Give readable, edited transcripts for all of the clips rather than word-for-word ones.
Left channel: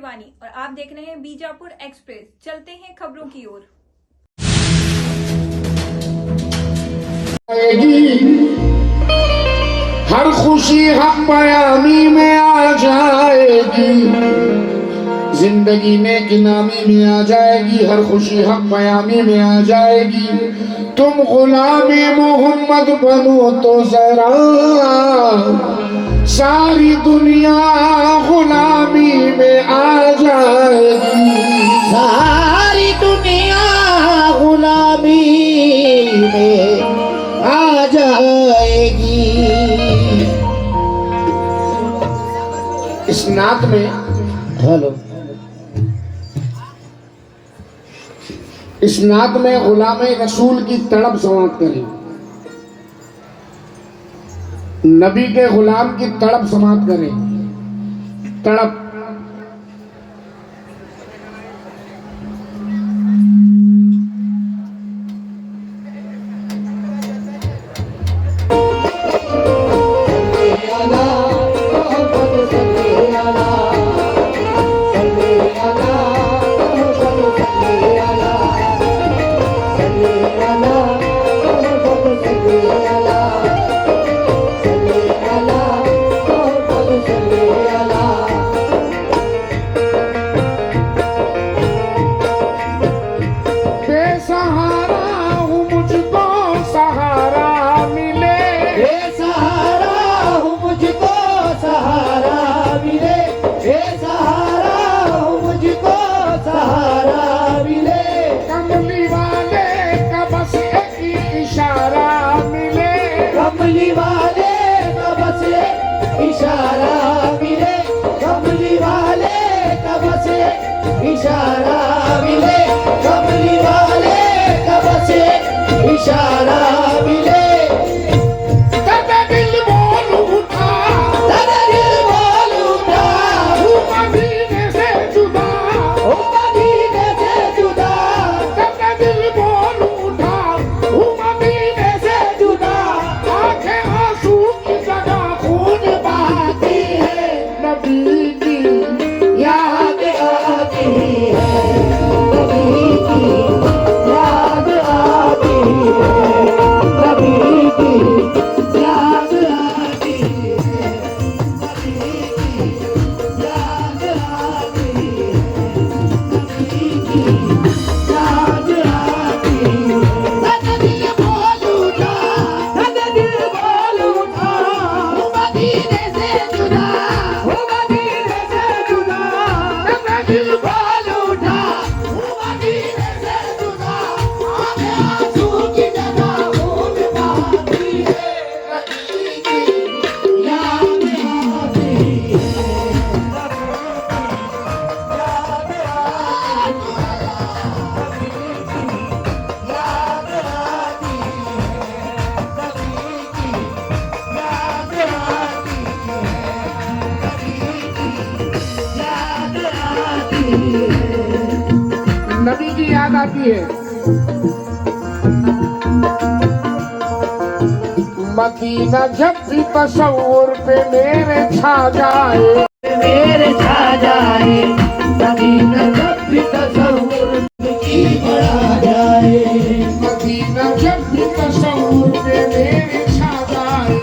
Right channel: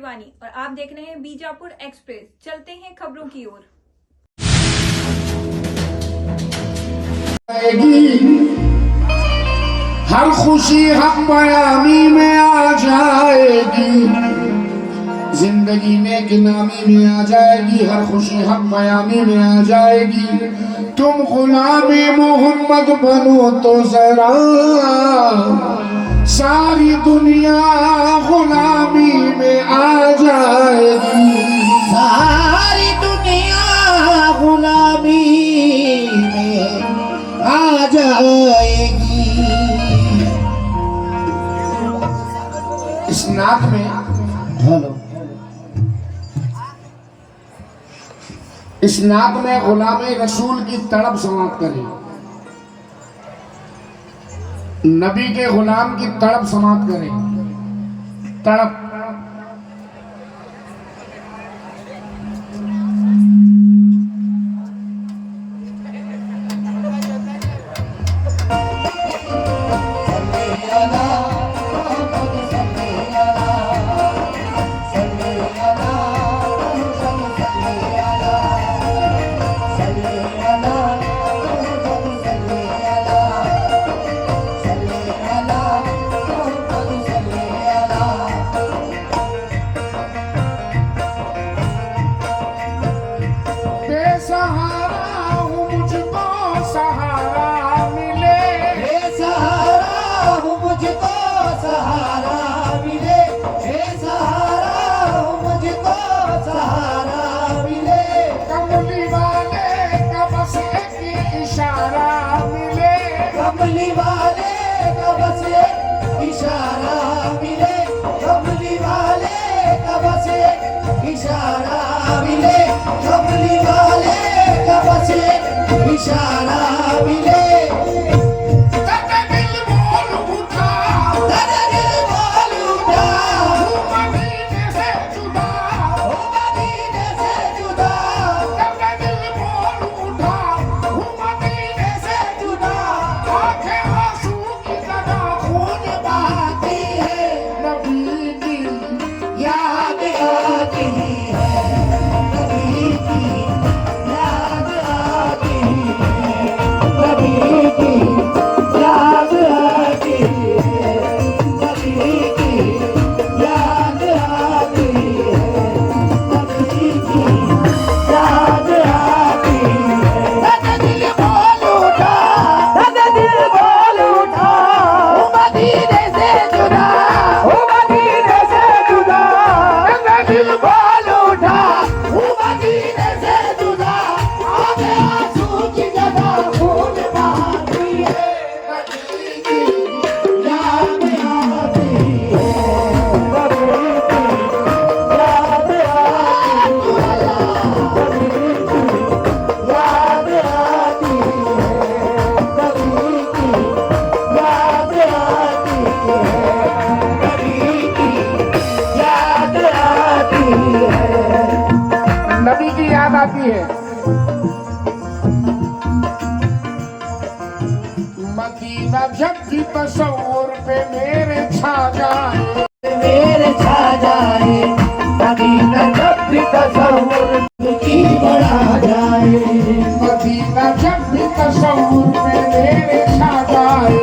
शिवानी और आप देख रहे हैं बीजापुर एक्सप्रेस। चलते हैं खबरों की ओर। हर खुशी हम बयानी में आ जाएगी, जिंदगी में गिनामी में आ जाएगी। हर खुशी हम बयानी में आ जाएगी। तुम गुलामी मोहम्मद बनो तो जरा, सारी दुनिया गुलामी में आ जाएगी। सारी दुनिया गुलामी में आ जाएगी। इस नात में हेलो, इस नात में गुलामे रसूल की तड़प समाप्त करें, नबी के गुलाम की तड़प समाप्त करें। तड़प नबी की याद आती है। मदीना जब भी तस्वुर पे मेरे छा जाए, मेरे छा जाए। मदीना जब भी तस्वुर की बढ़ा जाए। मदीना जब भी तस्वुर पे मेरे छा जाए,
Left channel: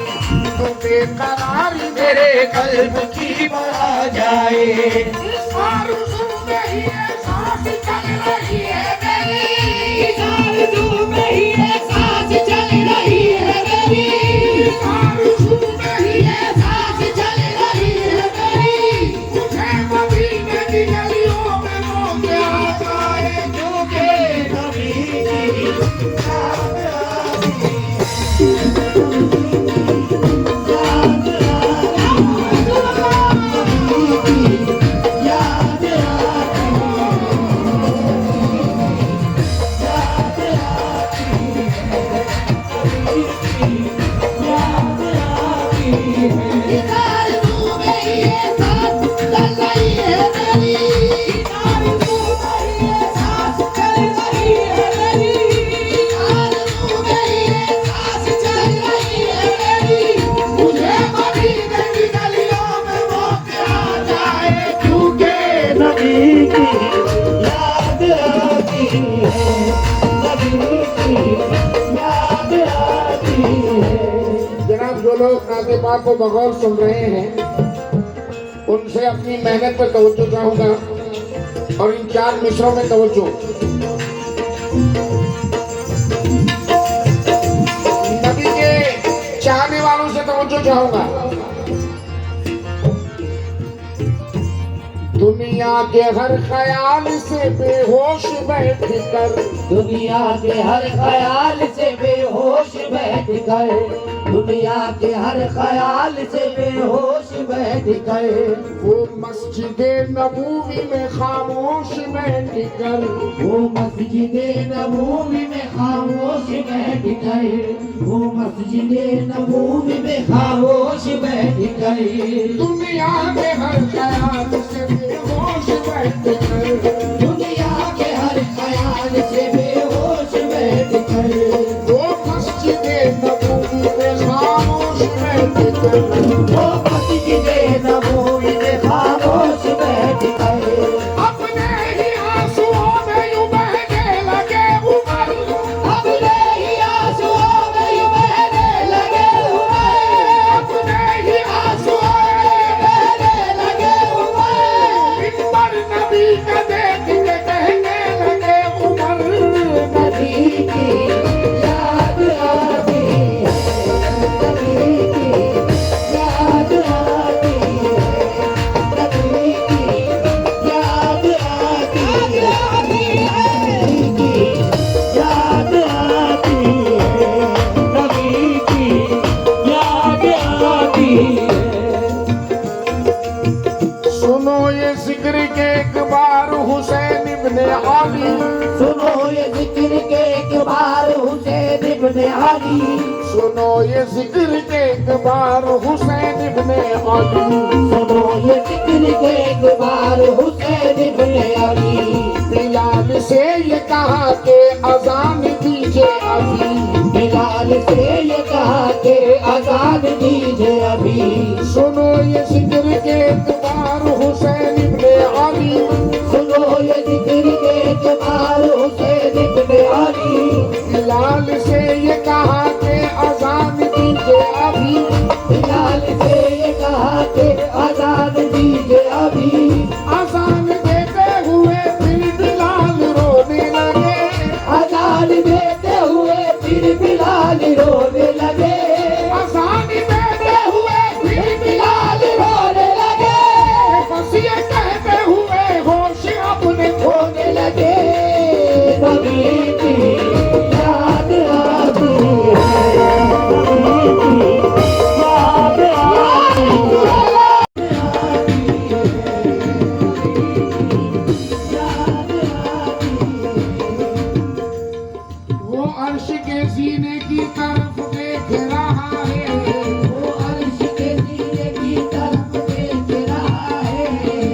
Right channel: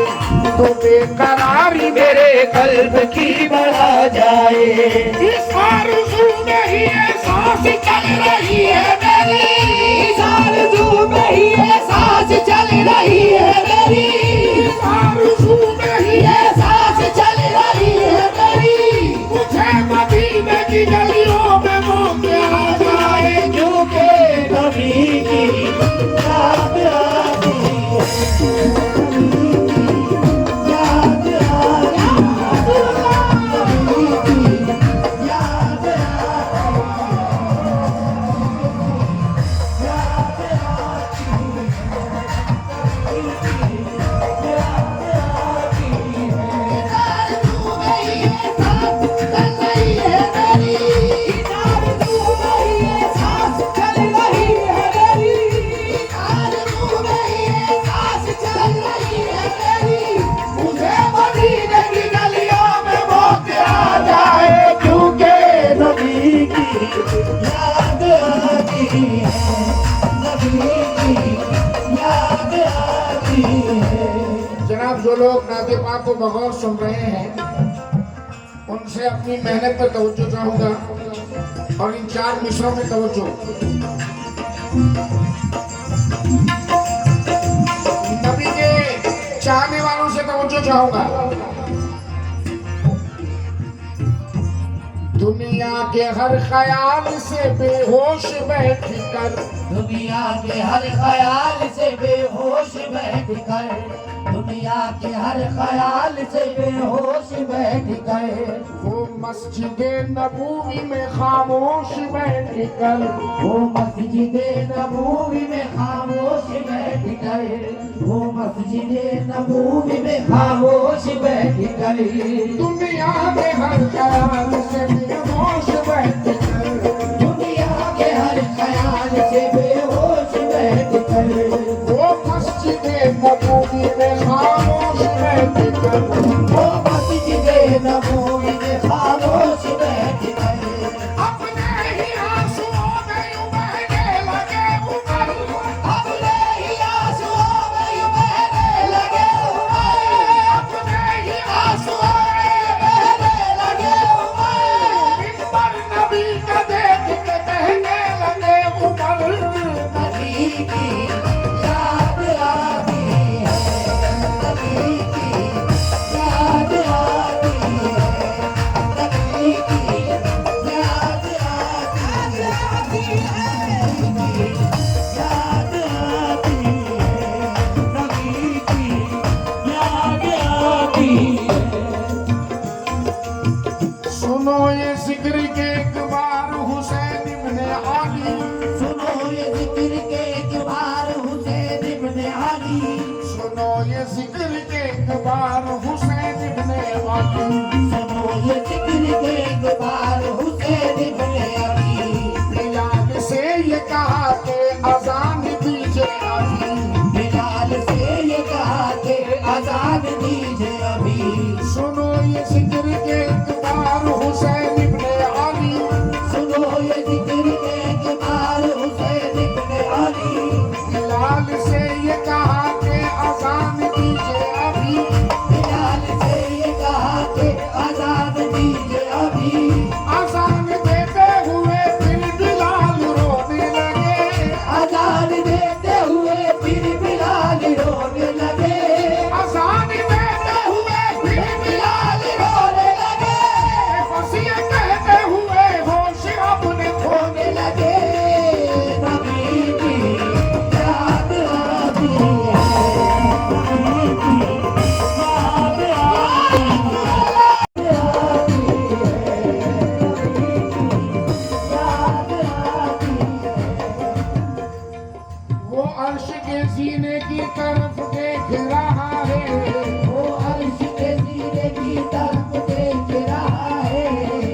तो बेकरारी मेरे कल्ब की बढ़ा जाए। इस आरज़ू में ही एहसास चल रही है मेरी, इस आरज़ू में ही एहसास चल रही है मेरी। इस आरज़ू में ही एहसास चल रही है मेरी। मुझे मदीने की गलियों में वो मिला जाए, क्योंकि नबी की याद आती है। नबी की याद आती है। जनाब जो लोग नाते पाक को बगौर सुन रहे हैं उनसे अपनी मेहनत पर तवज्जो चाहूंगा और इन 4 मिसरों में तवज्जो। नबी के चाहने वालों से तवज्जो चाहूंगा। दुनिया के हर ख्याल से बेहोश बैठ कर, दुनिया के हर ख्याल से बेहोश बैठ कर, दुनिया के हर ख्याल से बेहोश बैठ कर, वो मस्जिदे नबूवी में खामोश बैठ कर, वो मस्जिदे नबूवी में खामोश बैठ कर, वो मस्जिदे नबूवी में खामोश बैठ कर, दुनिया के हर ख्याल से बेहोश बैठ कर, दुनिया के हर ख्याल से बेहोश बैठ कर, वो मस्जिदे नबूवी में खामोश बैठ कर, वो मस्जिदे नबूवी में खामोश बैठ कर, अपने ही आंसुओं में यूं बहने लगे उमर, अपने ही आंसुओं में यूं बहने लगे उमर, अपने ही आंसुओं में बहने लगे उमर, इन पर नबी का देख के कहने लगे उमर, नबी की याद आती है, नबी की याद आती है, नबी की याद आती है, नबी की याद आती है, नबी की याद आती है। सुनो ये जिक्र के एक बार हुसैन इब्ने अली, सुनो ये जिक्र के एक बार हुसैन इब्ने अली, सुनो ये जिक्र के एक बार हुसैन इब्ने अली, सुनो ये जिक्र के एक बार हुसैन इब्ने अली, बिलाल से ये कहा के अजान दीजिए अभी, बिलाल से ये कहा के आजाद दीजिए अभी, सुनो ये जिक्र के एक बार हुसैन इब्ने अली, सुनो ये जिक्र के एक बार हुसैन इब्ने अली, बिलाल से ये कहा के अजान दीजिए अभी, बिलाल से ये कहा के आजाद दीजिए अभी, अजान देते हुए फिर बिलाल रोने लगे, आजाद देते हुए फिर बिलाल रोने लगे, अजान देते हुए फिर बिलाल रोने लगे, बस ये कहते हुए होश अपने खोने रोने लगे, नबी की याद आती है, नबी की याद वो अर्श के सीने की तरफ देख रहा है, वो अर्श के सीने की तरफ देख रहा है,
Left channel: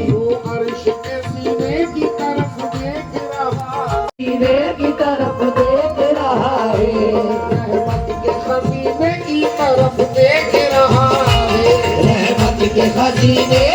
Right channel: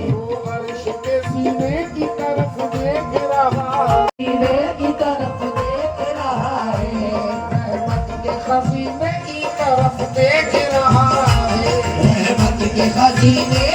वो अर्श के सीने की तरफ देख रहा है, सीने की तरफ देख रहा है, रहमत के खजीने की तरफ देख रहा है, रहमत के खजीने